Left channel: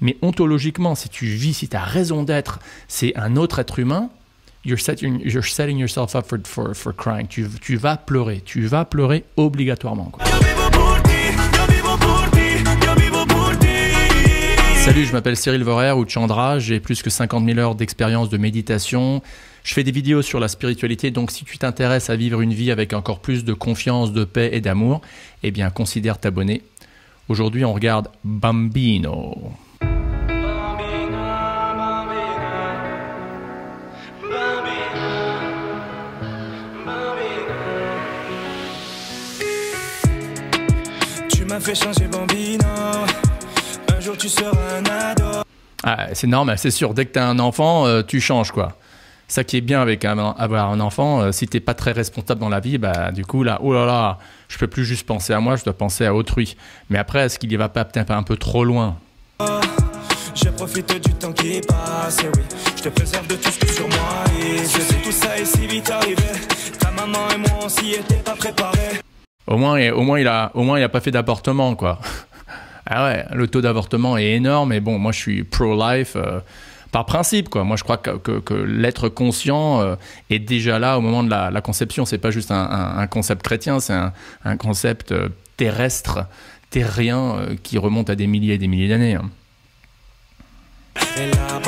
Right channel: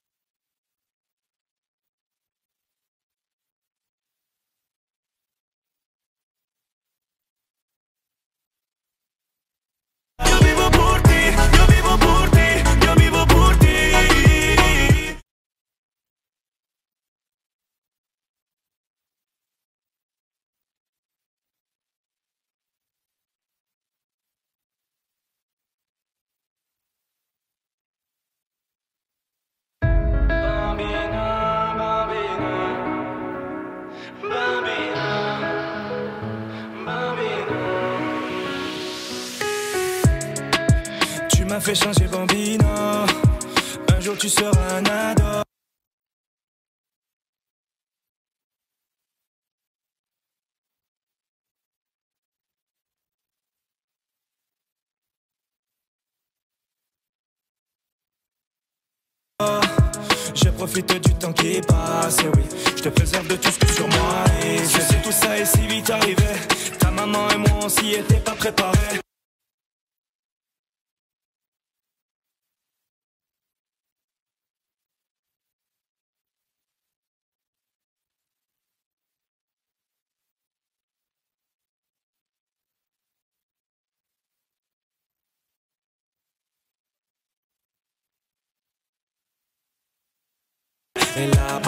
Mais ontologiquement, si tu vis, si tu as raison d'être, c'est un autre être humain, you're setting yourself up for crying. Tu vas pleurer obligatoirement, quoi. Salut, je m'appelle Cyril Vorer ou Chandra, j'ai plus que 50 000 heures d'expérience de méditation. Je fais des vidéos sur la spiritualité, donc si tu t'intéresses à vivre une vie avec encore plus de confiance, de paix et d'amour, eh bien considère t'abonner. Aujourd'hui, on regarde Bambino. Tu m'as fait changer Bambino, un jour tu seras un ado. Ah, c'est normal, c'est sûr, dès que tu as un enfant, tu changes, quoi. Ça qui est bien avec avoir un enfant, si t'es pas très responsable dans la vie, bah du coup là, oh là là, je peux plus juste penser à moi, je dois penser à autrui. Mais après, est-ce qu'il y va pas peut-être un peu trop loin? Je profite du temps qui passe, oui. Je te préserve de tout ce que sur moi et je sais tout ça est si vite arrivé. Ta maman et moi on s'y était pas préparés. Au moins il a pas fait d'avortement, quoi. Ah ouais, le taux d'avortement est énorme, mais bon, moi je suis pro-life. Par principe, quoi. Moi, je crois que l'être conscient est déjà là au moment de la conception. C'est pas juste un concept chrétien, c'est un concept terrestre, terrien, qui remonte à des milliers et des milliers d'années. Hein. Et là,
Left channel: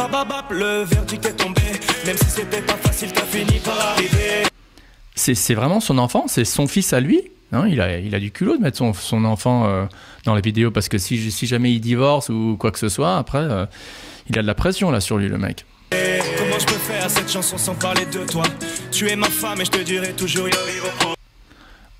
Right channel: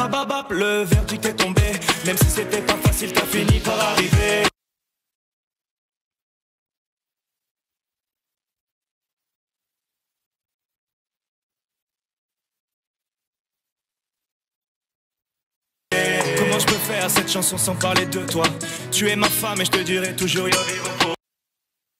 le verdict est tombé. Même si c'était pas facile, t'as fini par arriver. C'est vraiment son enfant, c'est son fils à lui. Non, il a du culot de mettre son enfant dans les vidéos parce que si jamais il divorce ou quoi que ce soit, après... il a de la pression là sur lui, le mec. Comment je peux faire cette chanson sans parler de toi? Tu es ma femme et je te dirai toujours yo vivo pour.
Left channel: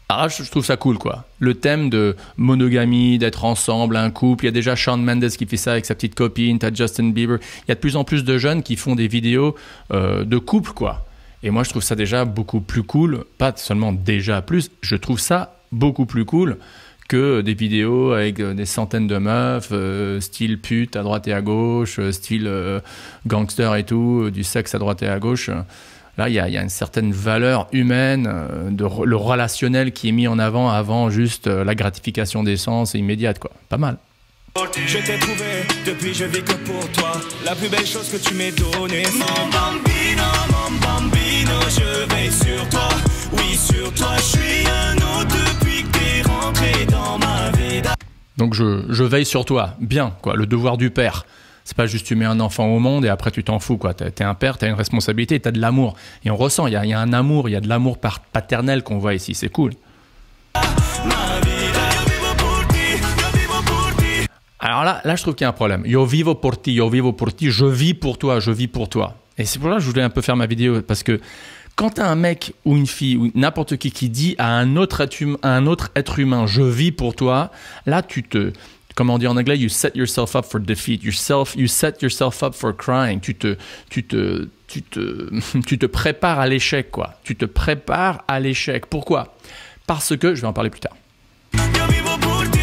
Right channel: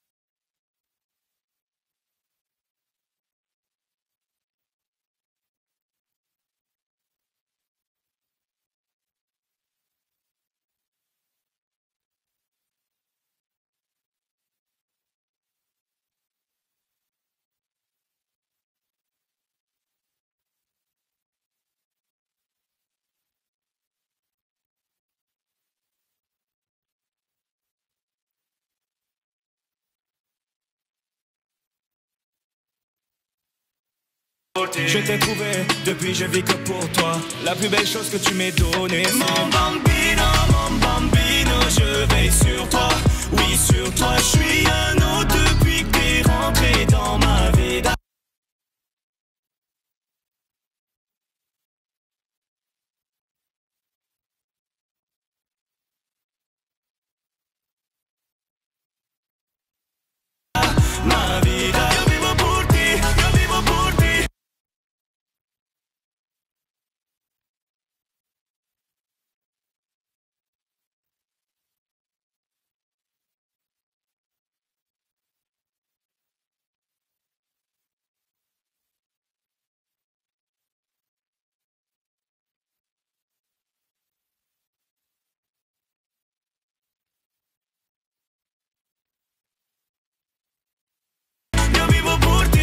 Alors je trouve ça cool, quoi. Le thème de monogamie, d'être ensemble, un couple. Il y a déjà Shawn Mendes qui fait ça avec sa petite copine. T'as Justin Bieber. Il y a de plus en plus de jeunes qui font des vidéos de couple, quoi. Et moi je trouve ça déjà beaucoup plus cool. Pas seulement déjà plus. Je trouve ça beaucoup plus cool que des vidéos avec des centaines de meufs, style pute à droite et à gauche, style gangster et tout, du sexe à droite et à gauche. Là, il y a une certaine valeur humaine, le relationnel qui est mis en avant juste la gratification des sens immédiate, quoi. Pas mal. Je t'ai trouvé, depuis je vis que pour toi. La plus belle chose que tu m'aies donnée. Mon bambino, je veille sur toi. Oui, sur toi, je suis un autre depuis que t'es rentré dans ma vie. Donc je veille sur toi, bien, quoi, le devoir du père. C'est pas juste tu mets un enfant au monde et après tu t'en fous, quoi. T'es un père, t'as une responsabilité, t'as de l'amour. Et on ressent, il y a un amour, il y a de l'amour paternel qu'on voit ici, c'est cool. Alors là, je trouve qu'il y a un problème. Yo vivo por ti, je vis pour toi, je vis pour toi. Et c'est pour ça que je voulais un peu faire ma vidéo, parce que quand tu as un mec ou une fille ou n'importe qui dit à un autre être humain, je vis pour toi, là comment on dit en anglais, you set yourself up for defeat, you set yourself up for crying, tu te prépares à l'échec, quoi. Tu te prépares à l'échec. Pourquoi? Parce que, je vais en parler plus tard. Yo vivo pour ti.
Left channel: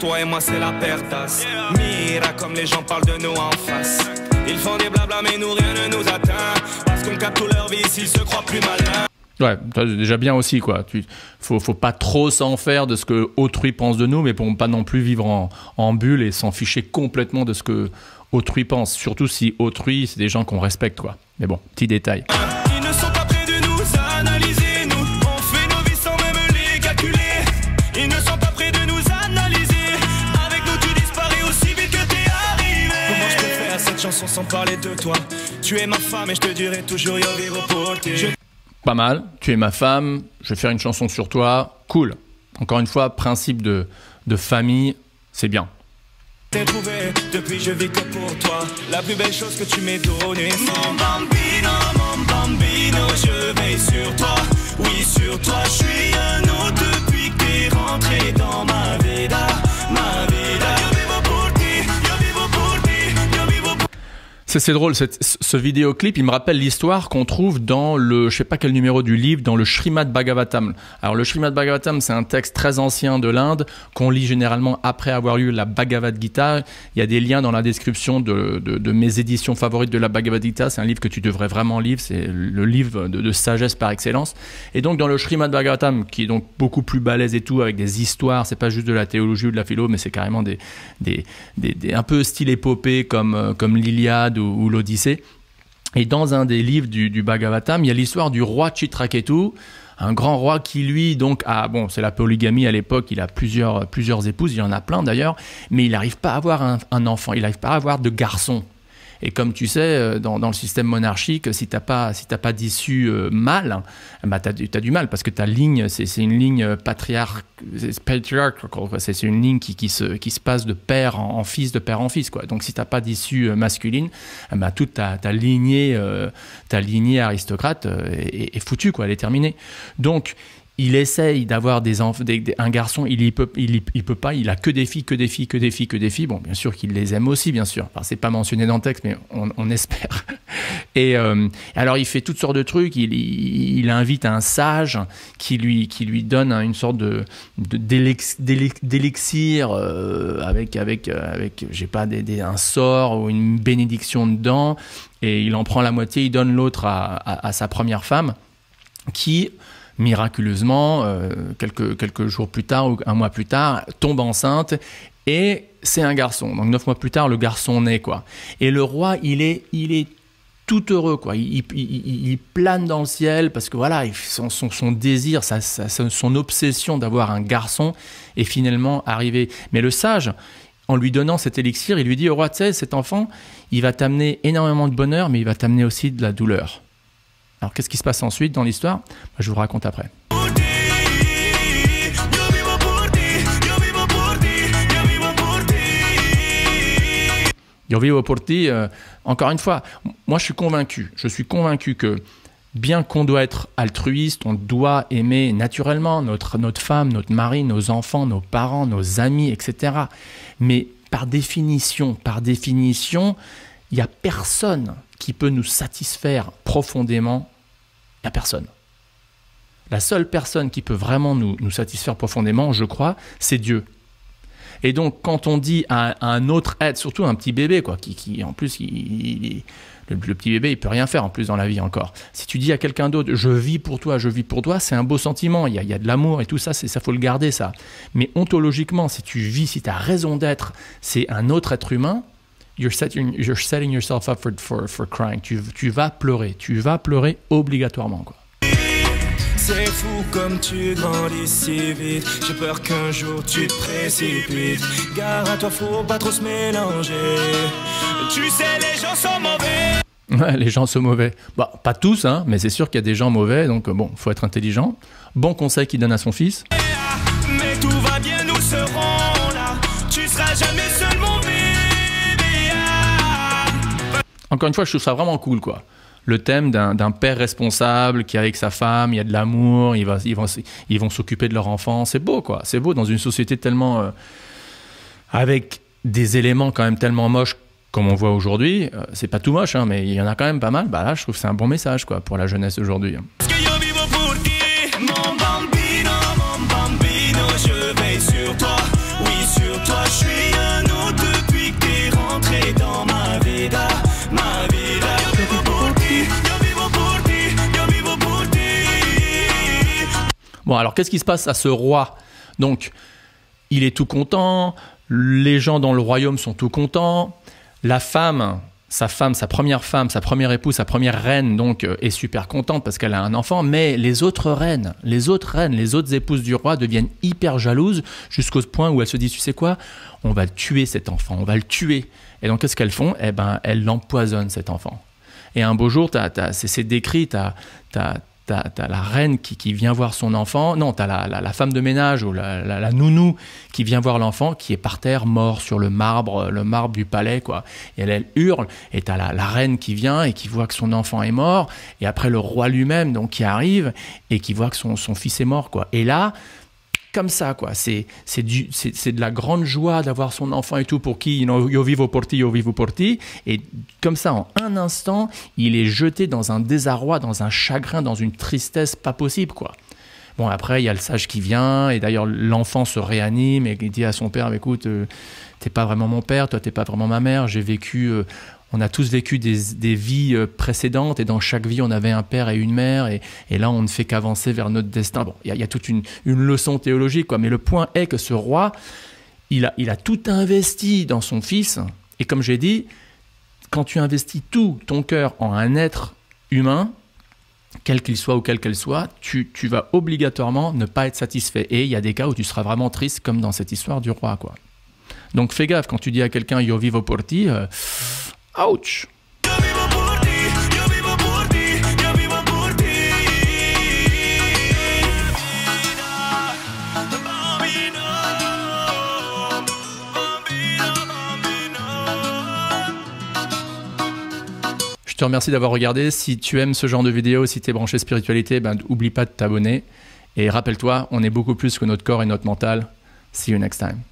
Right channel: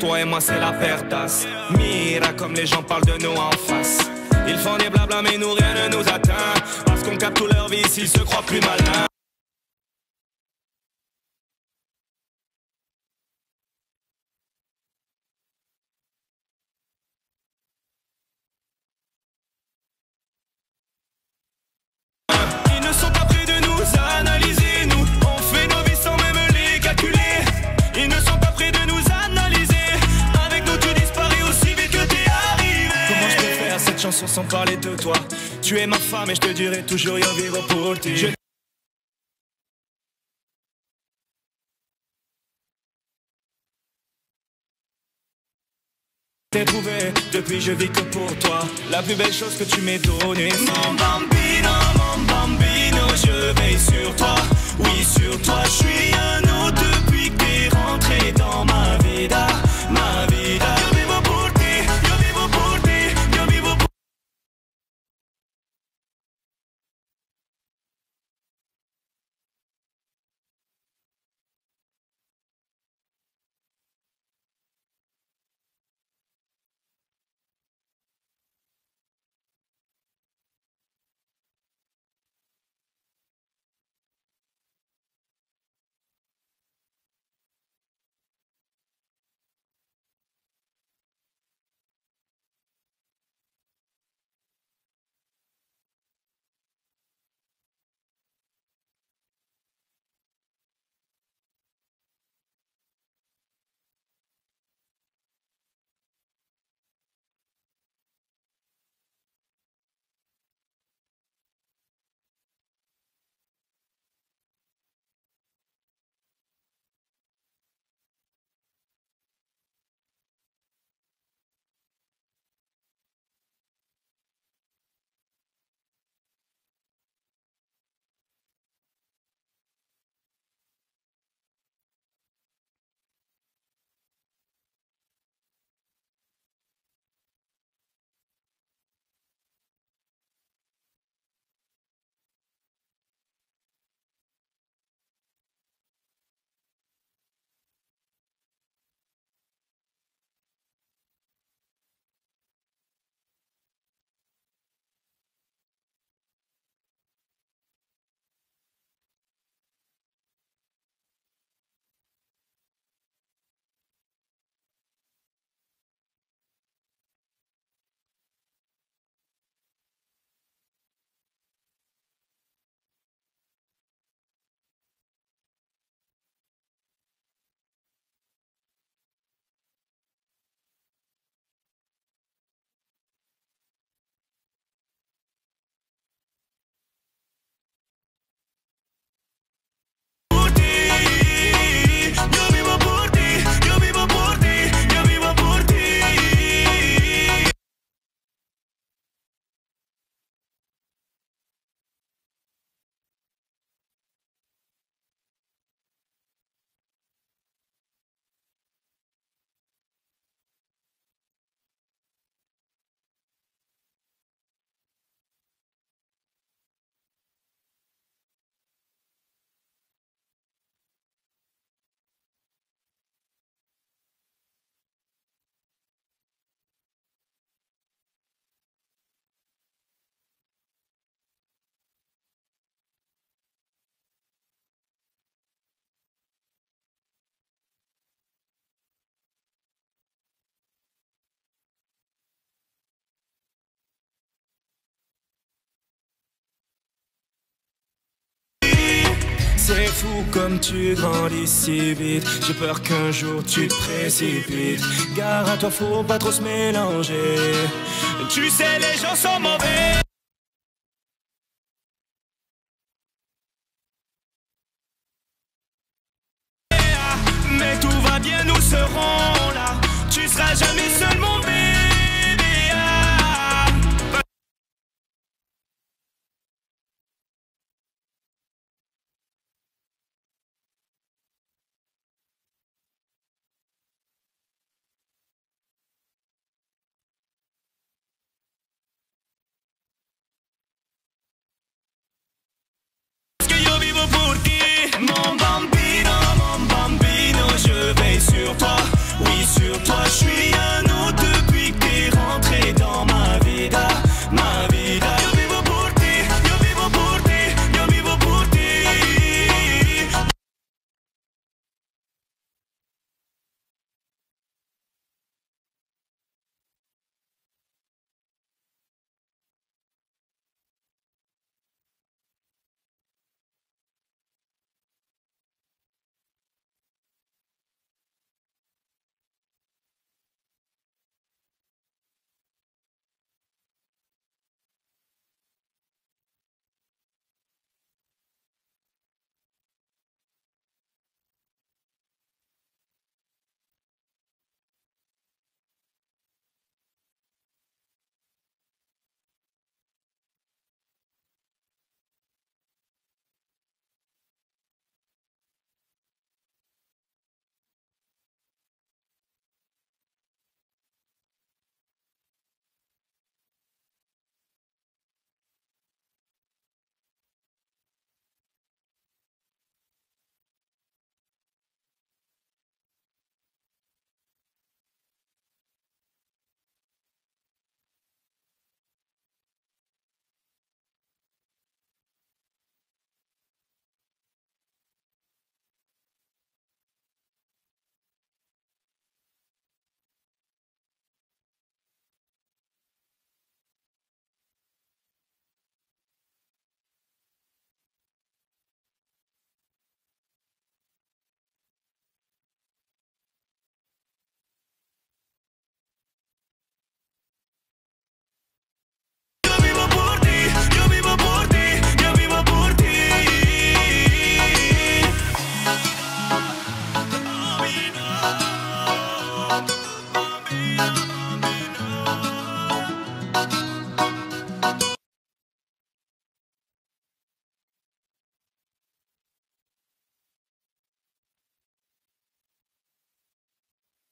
Toi et moi c'est la pertasse. Mira comme les gens parlent de nous en face. Ils font des blabla mais nous rien ne nous atteint. Parce qu'on capte toute leur vie s'ils se croient plus malins. Ouais, c'est déjà bien aussi, quoi. Faut pas trop s'en faire de ce que autrui pense de nous, mais pour pas non plus vivre en bulle et s'en ficher complètement de ce que autrui pense. Surtout si autrui, c'est des gens qu'on respecte, quoi. Mais bon, petit détail. Ils ne sont pas prêts de nous analyser, nous. On fait nos vies sans même les calculer. Ils ne sont pas prêts de nous analyser. Avec nous tu disparais aussi vite que t'es arrivé. Comment je peux faire cette chanson sans parler de toi? Tu es ma femme et je te dirai toujours yo vivo pour ti. Pas mal, tu es ma femme, je vais faire une chanson sur toi, cool. Encore une fois, principe de famille, c'est bien. T'ai trouvé, depuis je vis que pour toi. La plus belle chose que tu m'aies donnée. Mon bambino, je veille sur toi. Oui, sur toi, je suis un autre depuis que t'es rentré dans ma vida. Yo vivo pour ti, yo vivo pour ti, yo vivo pour ti. C'est drôle, ce vidéoclip, il me rappelle l'histoire qu'on trouve dans le, je sais pas quel numéro du livre, dans le Srimad Bhagavatam. Alors le Srimad Bhagavatam, c'est un texte très ancien de l'Inde qu'on lit généralement après avoir lu la Bhagavad Gita. Il y a des liens dans la description de mes éditions favorites de la Bhagavad Gita. C'est un livre que tu devrais vraiment lire, c'est le livre de sagesse par excellence. Et donc dans le Srimad Bhagavatam, qui est donc beaucoup plus balèze et tout, avec des histoires, c'est pas juste de la théologie ou de la philo, mais c'est carrément un peu style épopée comme l'Iliade ou l'Odyssée. Et dans un des livres du Bhagavatam, il y a l'histoire du roi Chitraketu, un grand roi qui lui donc a, bon, c'est la polygamie à l'époque, il a plusieurs épouses, il en a plein d'ailleurs, mais il n'arrive pas à avoir un enfant, il n'arrive pas à avoir de garçon. Et comme tu sais, dans le système monarchique, si t'as pas d'issue mâle, bah t'as du mal, parce que ta ligne, c'est une ligne patriarcale, c'est une ligne qui se passe de père en fils, de père en fils, quoi. Donc si t'as pas d'issue masculine, bah toute ta lignée aristocrate est foutue, quoi, elle est terminée. Donc il essaye d'avoir un garçon, il peut pas, il a que des filles. Bon, bien sûr qu'il les aime aussi, bien sûr. Alors, c'est pas mentionné dans le texte, mais on espère. Et alors, il fait toutes sortes de trucs. Il invite un sage qui lui donne une sorte d'élixir avec je sais pas, un sort ou une bénédiction dedans. Et il en prend la moitié, il donne l'autre à sa première femme, qui miraculeusement, quelques jours plus tard ou un mois plus tard, tombe enceinte et c'est un garçon. Donc 9 mois plus tard, le garçon naît, quoi. Et le roi, il est tout heureux, quoi. Il plane dans le ciel parce que voilà, son désir, son obsession d'avoir un garçon est finalement arrivé. Mais le sage, en lui donnant cet élixir, il lui dit au roi, tu sais, cet enfant, il va t'amener énormément de bonheur, mais il va t'amener aussi de la douleur. Alors, qu'est-ce qui se passe ensuite dans l'histoire ? Je vous raconte après. Yo vivo por ti, encore une fois, moi je suis convaincu que bien qu'on doit être altruiste, on doit aimer naturellement notre femme, notre mari, nos enfants, nos parents, nos amis, etc. Mais par définition, il n'y a personne qui peut nous satisfaire profondément. Il n'y a personne. La seule personne qui peut vraiment nous satisfaire profondément, je crois, c'est Dieu. Et donc, quand on dit à un autre être, surtout un petit bébé, quoi, qui en plus, le petit bébé, il peut rien faire en plus dans la vie encore. Si tu dis à quelqu'un d'autre, je vis pour toi, c'est un beau sentiment, il y a de l'amour et tout ça, ça faut le garder, ça. Mais ontologiquement, si tu vis, si tu as raison d'être, c'est un autre être humain, you're setting yourself up for crying. Tu vas pleurer obligatoirement, quoi. C'est fou comme tu grandis si vite. J'ai peur qu'un jour tu te précipites. Gare à toi, faut pas trop se mélanger. Tu sais, les gens sont mauvais. Ouais, les gens sont mauvais. Bah, pas tous, hein, mais c'est sûr qu'il y a des gens mauvais, donc bon, faut être intelligent. Bon conseil qu'il donne à son fils. Mais tout va bien, nous serons là. Tu seras jamais seul, mon bébé. Encore une fois, je trouve ça vraiment cool, quoi. Le thème d'un père responsable qui est avec sa femme, il y a de l'amour, ils vont s'occuper de leur enfant. C'est beau, quoi. C'est beau dans une société tellement... avec des éléments quand même tellement moches comme on voit aujourd'hui. C'est pas tout moche, hein, mais il y en a quand même pas mal. Bah là, je trouve que c'est un bon message, quoi, pour la jeunesse aujourd'hui. Parce que yo vivo pour ti, mon bambino, je veille sur toi. Oui, sur toi, je suis un autre depuis que t'es rentré dans ma vida. Yo vivo pour ti, yo vivo pour ti, yo vivo pour ti. Bon, alors qu'est-ce qui se passe à ce roi ? Donc, il est tout content, les gens dans le royaume sont tout contents, la femme, sa première épouse, sa première reine, donc, est super contente parce qu'elle a un enfant, mais les autres reines, les autres épouses du roi deviennent hyper jalouses jusqu'au point où elles se disent, tu sais quoi, on va tuer cet enfant, on va le tuer. Et donc, qu'est-ce qu'elles font ? Eh ben, elles l'empoisonnent, cet enfant. Et un beau jour, c'est décrit, t'as la reine qui vient voir son enfant. Non, t'as la femme de ménage ou la nounou qui vient voir l'enfant, qui est par terre, mort sur le marbre du palais, quoi. Et elle hurle. Et t'as la reine qui vient et qui voit que son enfant est mort. Et après, le roi lui-même, donc, qui arrive et qui voit que son fils est mort, quoi. Et là, comme ça, quoi. C'est de la grande joie d'avoir son enfant et tout pour qui, io vivo por ti. Et comme ça, en un instant, il est jeté dans un désarroi, dans un chagrin, dans une tristesse pas possible, quoi. Bon, après, il y a le sage qui vient, et d'ailleurs, l'enfant se réanime et il dit à son père, écoute, t'es pas vraiment mon père, toi, t'es pas vraiment ma mère, j'ai vécu... on a tous vécu des vies précédentes et dans chaque vie, on avait un père et une mère et là, on ne fait qu'avancer vers notre destin. Bon, il y a toute une leçon théologique, quoi. Mais le point est que ce roi, il a tout investi dans son fils. Et comme j'ai dit, quand tu investis tout ton cœur en un être humain, quel qu'il soit ou quelle qu'elle soit, tu vas obligatoirement ne pas être satisfait. Et il y a des cas où tu seras vraiment triste, comme dans cette histoire du roi, quoi. Donc fais gaffe, quand tu dis à quelqu'un « io vivo por ti », ouch. Yo vivo por ti, yo vivo por ti, yo vivo por ti. Bambino, bambino, bambino. Je te remercie d'avoir regardé. Si tu aimes ce genre de vidéo, si tu es branché spiritualité, n'oublie pas de t'abonner. Et rappelle-toi, on est beaucoup plus que notre corps et notre mental. See you next time.